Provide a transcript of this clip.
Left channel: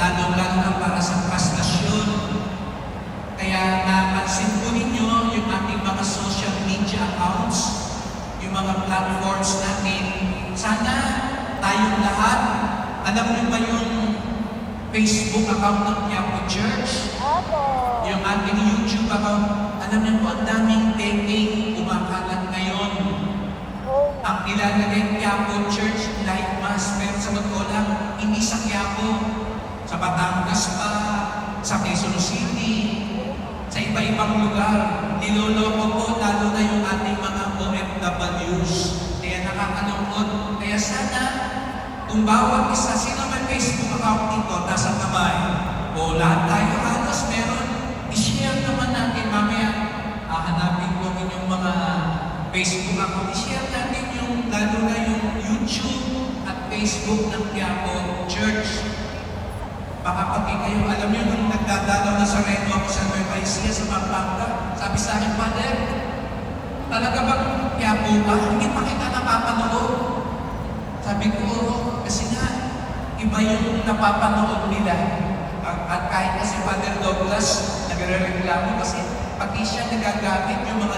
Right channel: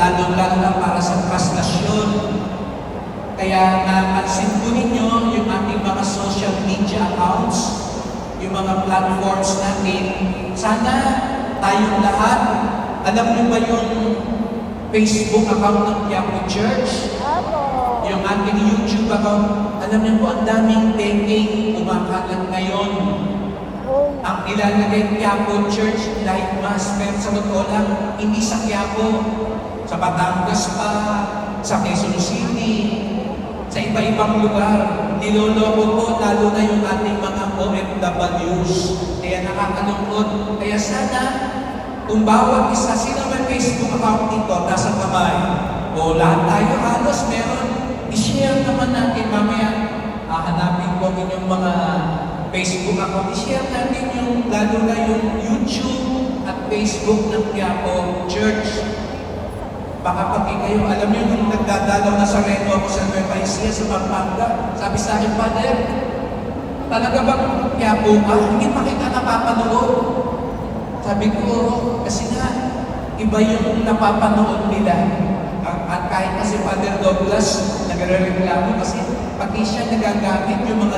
lalo-lalo na para sa prastasyon. Kaya napansin po ninyo yung ating mga social media accounts, yung mga platforms natin. Sana tayong lahat, alam niyo ba yung Facebook account ng Quiapo Church? Yung ating YouTube account, alam niyo po ang daming taking kumakalat ngayon. Ang ilalagay Quiapo Church Light Mass, pero sa totoo lang, hindi sa Quiapo, sa Batangas pa, sa Quezon City, sa iba-ibang lugar. Niloloko po lalo na yung ating mga OFWs. Kaya nakakalungkot. Kaya sana, kung bawat isa, sino may Facebook account dito, nasa kamay, o lahat tayo halos meron, i-share naman natin mamaya. Hanapin ko yung mga Facebook account, i-share natin yung, lalo na yung YouTube at Facebook ng Quiapo Church. Baka pati kayo, alam niyo, nung nagdadalaw na sa Reno ako sa Nueva Ecija, sa Pampanga, sabi sa akin, Father, talaga bang Quiapo ka? Hindi pa kita napapanood. Sabi ko, kasi nga, iba yung napapanood nila. At kahit kasi Father Douglas, nagre-reklamo kasi pati siya nagagamit yung mga